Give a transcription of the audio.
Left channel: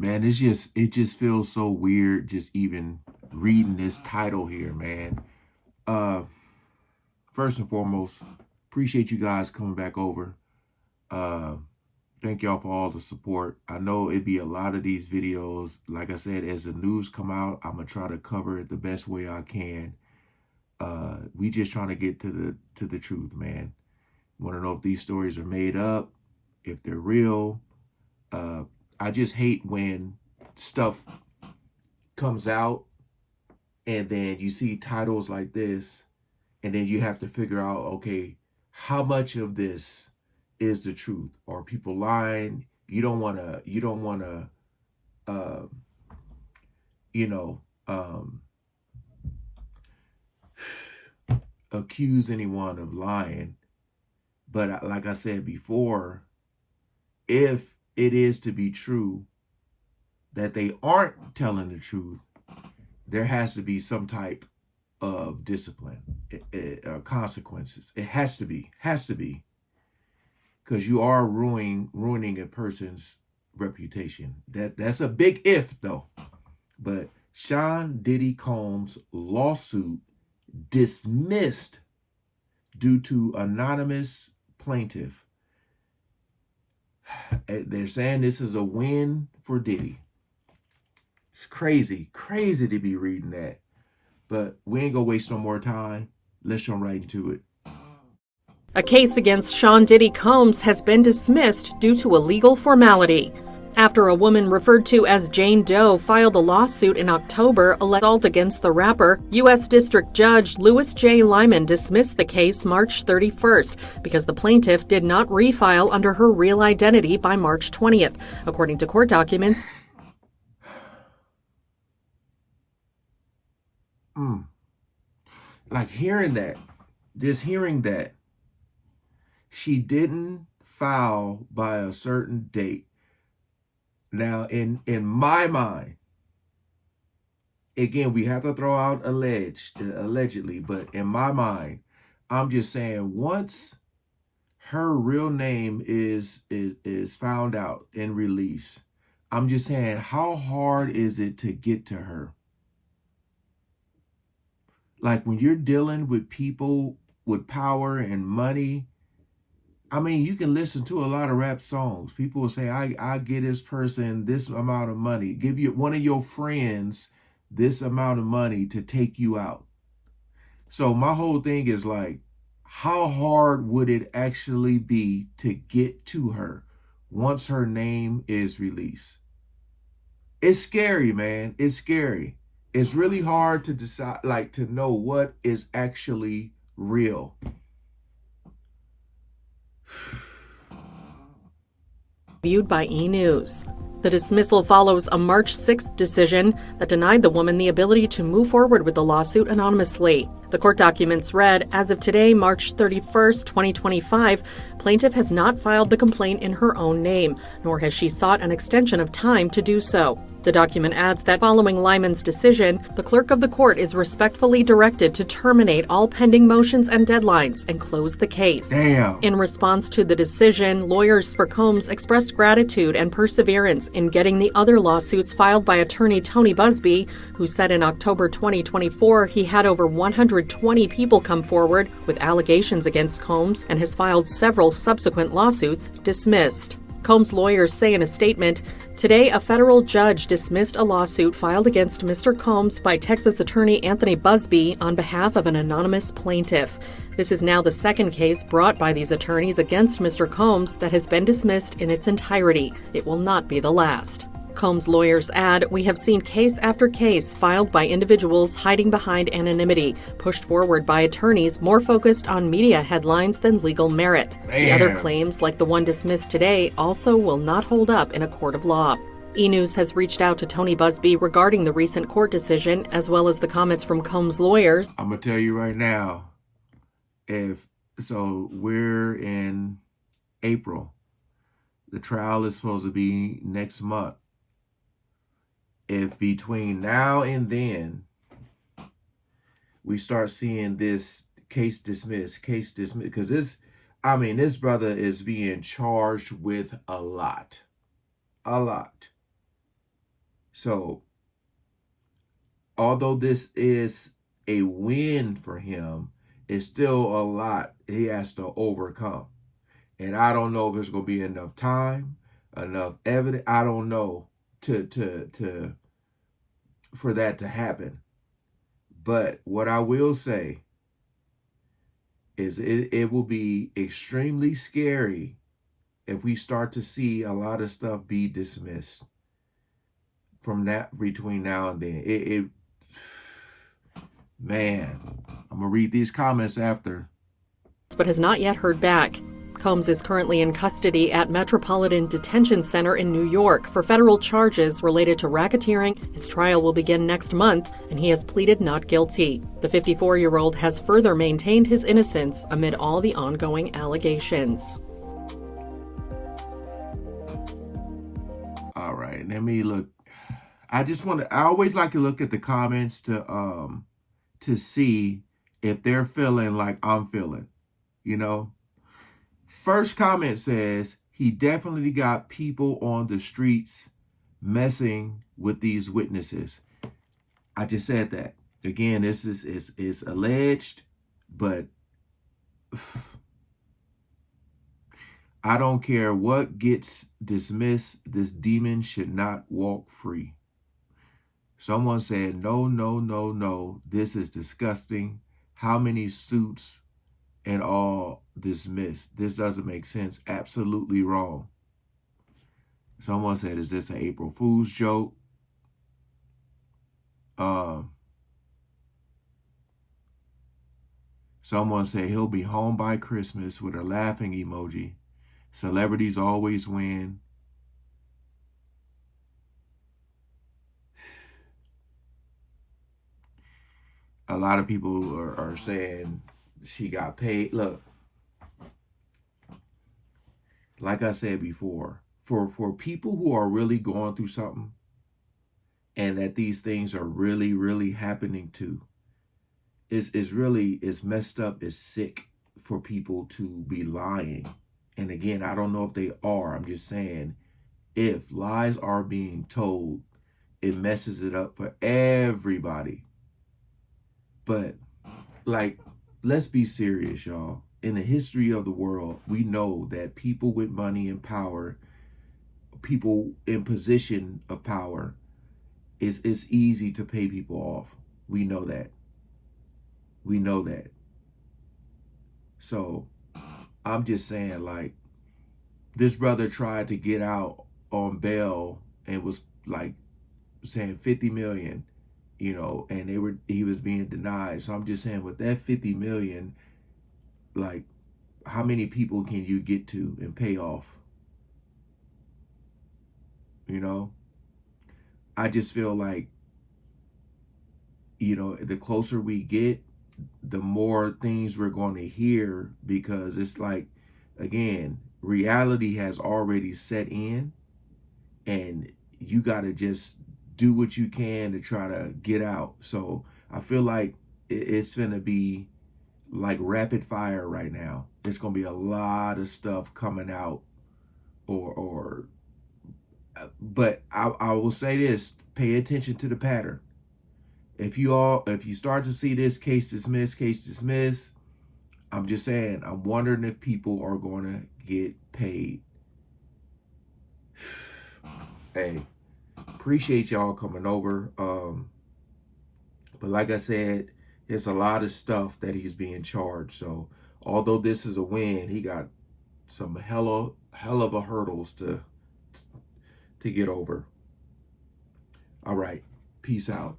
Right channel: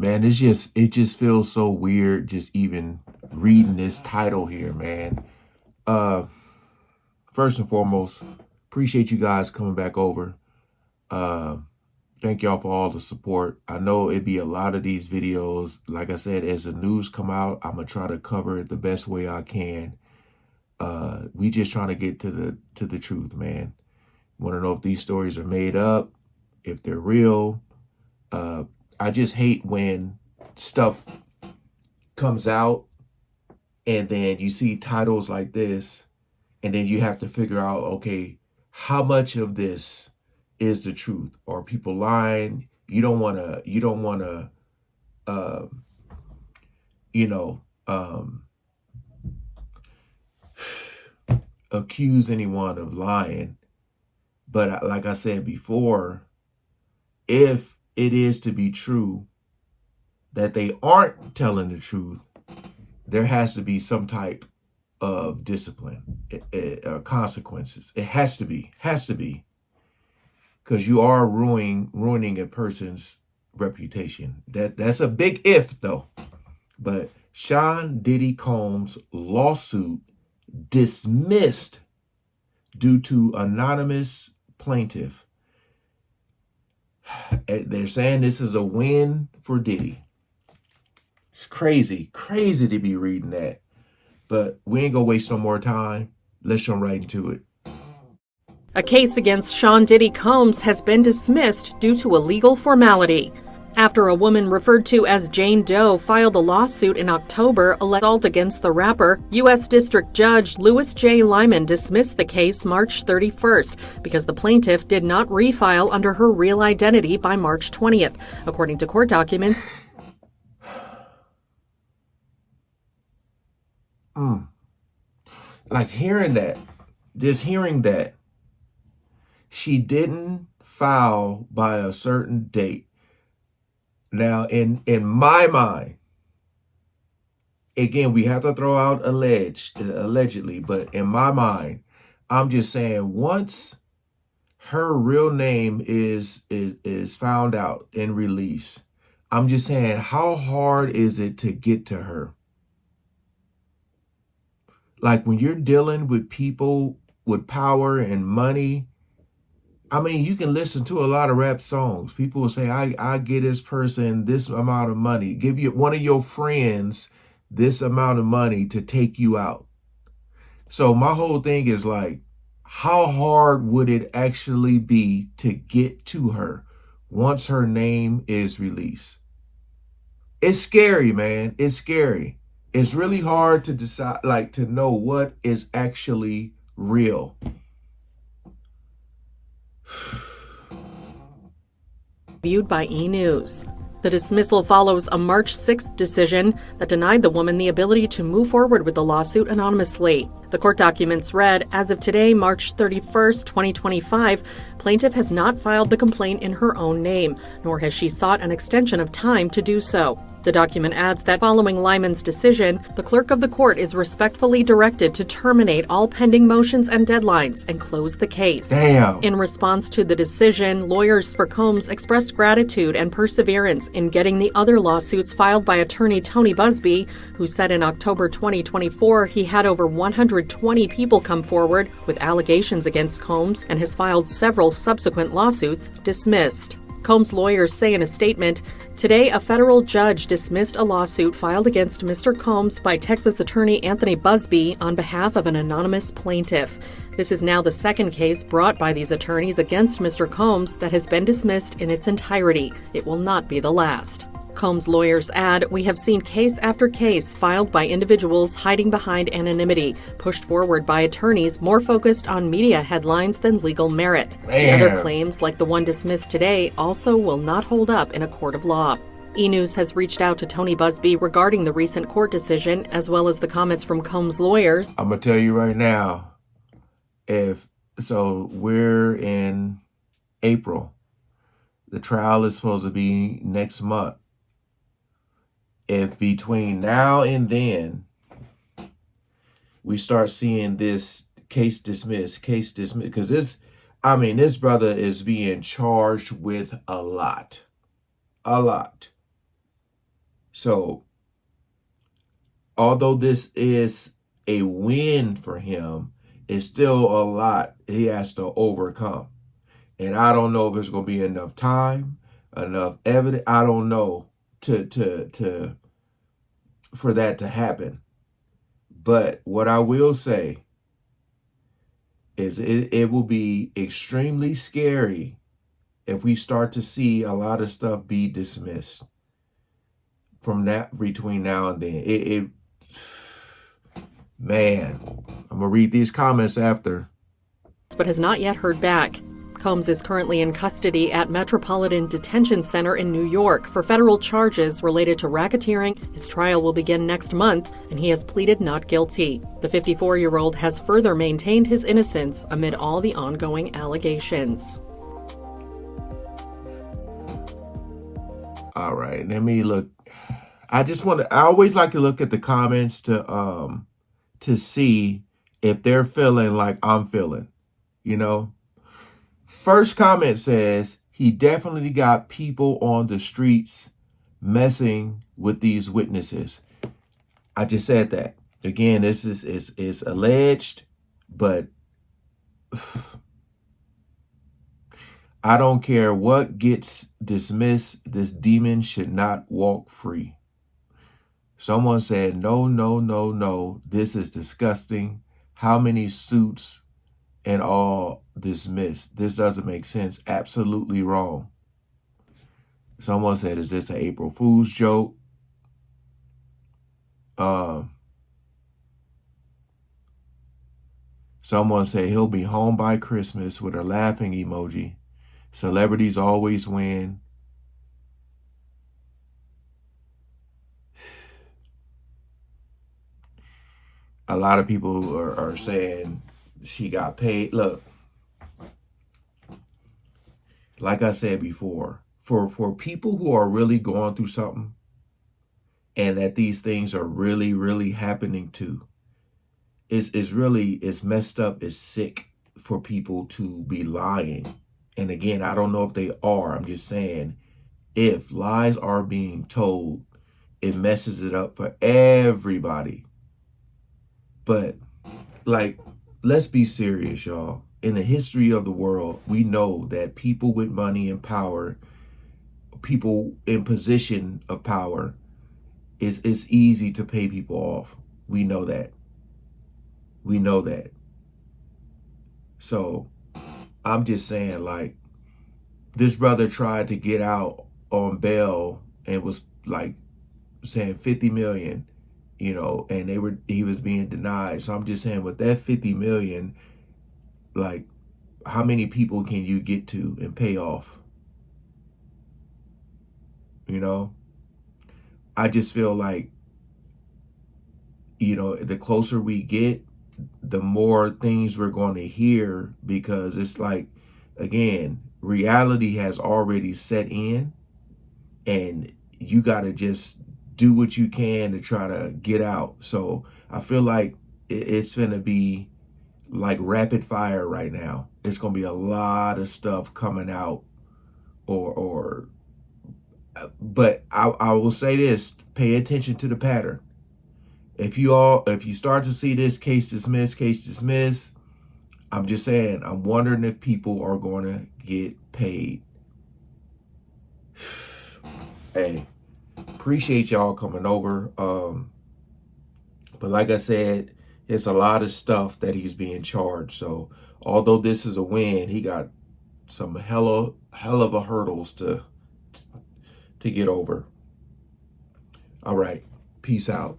Man, it just feels so weird just even reading this title here, man. Uh First and foremost, appreciate you guys coming back over. Uh Thank y'all for all the support. I know it'd be a lot of these videos. Like I said, as the news come out, I'm gonna try to cover it the best way I can. We just trying to get to the truth, man. Want to know if these stories are made up, if they're real. I just hate when stuff comes out and then you see titles like this and then you have to figure out, okay, how much of this is the truth? Are people lying? You don't want to, uh, you know, accuse anyone of lying. But like I said before, if it is to be true that they aren't telling the truth, there has to be some type of discipline or consequences. It has to be, because you are ruining a person's reputation. That's a big if though. But Sean Diddy Combs' lawsuit dismissed due to anonymous plaintiff. They're saying this is a win for Diddy. It's crazy to be reading that. But we ain't gonna waste no more time. Let's jump right into it. A case against Sean Diddy Combs has been dismissed due to a legal formality. After a woman referred to as Jane Doe filed a lawsuit in October alleged against the rapper, U.S. District Judge Louis J. Lyman dismissed the case March 31st because the plaintiff did not refile under her real identity by March 20th, according to court documents. Like hearing that, she didn't file by a certain date. Now, in my mind, again, we have to throw out allegedly, but in my mind, I'm just saying once her real name is found out and released, I'm just saying how hard is it to get to her? Like when you're dealing with people with power and money, I mean, you can listen to a lot of rap songs. People will say, I get this person this amount of money. Give you one of your friends this amount of money to take you out. So my whole thing is like, how hard would it actually be to get to her once her name is released? It's scary, man. It's scary. It's really hard to decide, like to know what is actually real. Viewed by E! News. The dismissal follows a March 6th decision that denied the woman the ability to move forward with the lawsuit anonymously. The court documents read, as of today, March 31st, 2025, plaintiff has not filed the complaint in her own name, nor has she sought an extension of time to do so. The document adds that following Lyman's decision, the clerk of the court is respectfully directed to terminate all pending motions and deadlines and close the case. Damn. In response to the decision, lawyers for Combs expressed gratitude and perseverance in getting the other lawsuits filed by attorney Tony Busby, who said in October 2024 he had over 120 people come forward with allegations against Combs and has filed several subsequent lawsuits dismissed. Combs' lawyers say in a statement, today a federal judge dismissed a lawsuit filed against Mr. Combs by Texas attorney Anthony Busby on behalf of an anonymous plaintiff. This is now the second case brought by these attorneys against Mr. Combs that has been dismissed in its entirety. It will not be the last. Combs' lawyers add, we have seen case after case filed by individuals hiding behind anonymity, pushed forward by attorneys more focused on media headlines than legal merit. Man. The other claims, like the one dismissed today, also will not hold up in a court of law. E! News has reached out to Tony Busby regarding the recent court decision, as well as the comments from Combs' lawyers. I'm going to tell you right now, we're in April. The trial is supposed to be next month. If between now and then we start seeing this case dismissed, because this brother is being charged with a lot. So although this is a win for him, it's still a lot he has to overcome. And I don't know if there's going to be enough time, enough evidence. I don't know to for that to happen. But what I will say is it will be extremely scary if we start to see a lot of stuff be dismissed from that between now and then. Man, I'm gonna read these comments after. But has not yet heard back. Combs is currently in custody at Metropolitan Detention Center in New York for federal charges related to racketeering. His trial will begin next month, and he has pleaded not guilty. The 54-year-old has further maintained his innocence amid all the ongoing allegations. All right, let me look. I always like to look at the comments to see if they're feeling like I'm feeling, you know? First comment says, he definitely got people on the streets messing with these witnesses. I just said that. Again, this is alleged, but I don't care what gets dismissed, this demon should not walk free. Someone said, no, no, no, no, this is disgusting. How many suits and all dismissed? This doesn't make sense. Absolutely wrong. Someone said, is this an April Fool's joke? Someone said, he'll be home by Christmas with a laughing emoji. Celebrities always win. A lot of people are saying she got paid. Look, like I said before, for people who are really going through something and that these things are really, really happening to, it's messed up, it's sick for people to be lying. And again, I don't know if they are. I'm just saying, if lies are being told, it messes it up for everybody. But, like, let's be serious, y'all. In the history of the world, we know that people with money and power, people in position of power, it's easy to pay people off. We know that. We know that. So, I'm just saying, like, this brother tried to get out on bail and was, like, saying 50 million. You know, and he was being denied. So I'm just saying, with that 50 million, like, how many people can you get to and pay off? You know, I just feel like, you know, the closer we get, the more things we're going to hear, because it's like, again, reality has already set in, and you got to just do what you can to try to get out. So I feel like it's going to be like rapid fire right now. It's going to be a lot of stuff coming out, but I will say this, pay attention to the pattern. If you start to see this case dismiss, I'm just saying, I'm wondering if people are going to get paid. Hey, appreciate y'all coming over. But like I said, it's a lot of stuff that he's being charged. So although this is a win, he got some hell of a hurdles to get over. All right, peace out.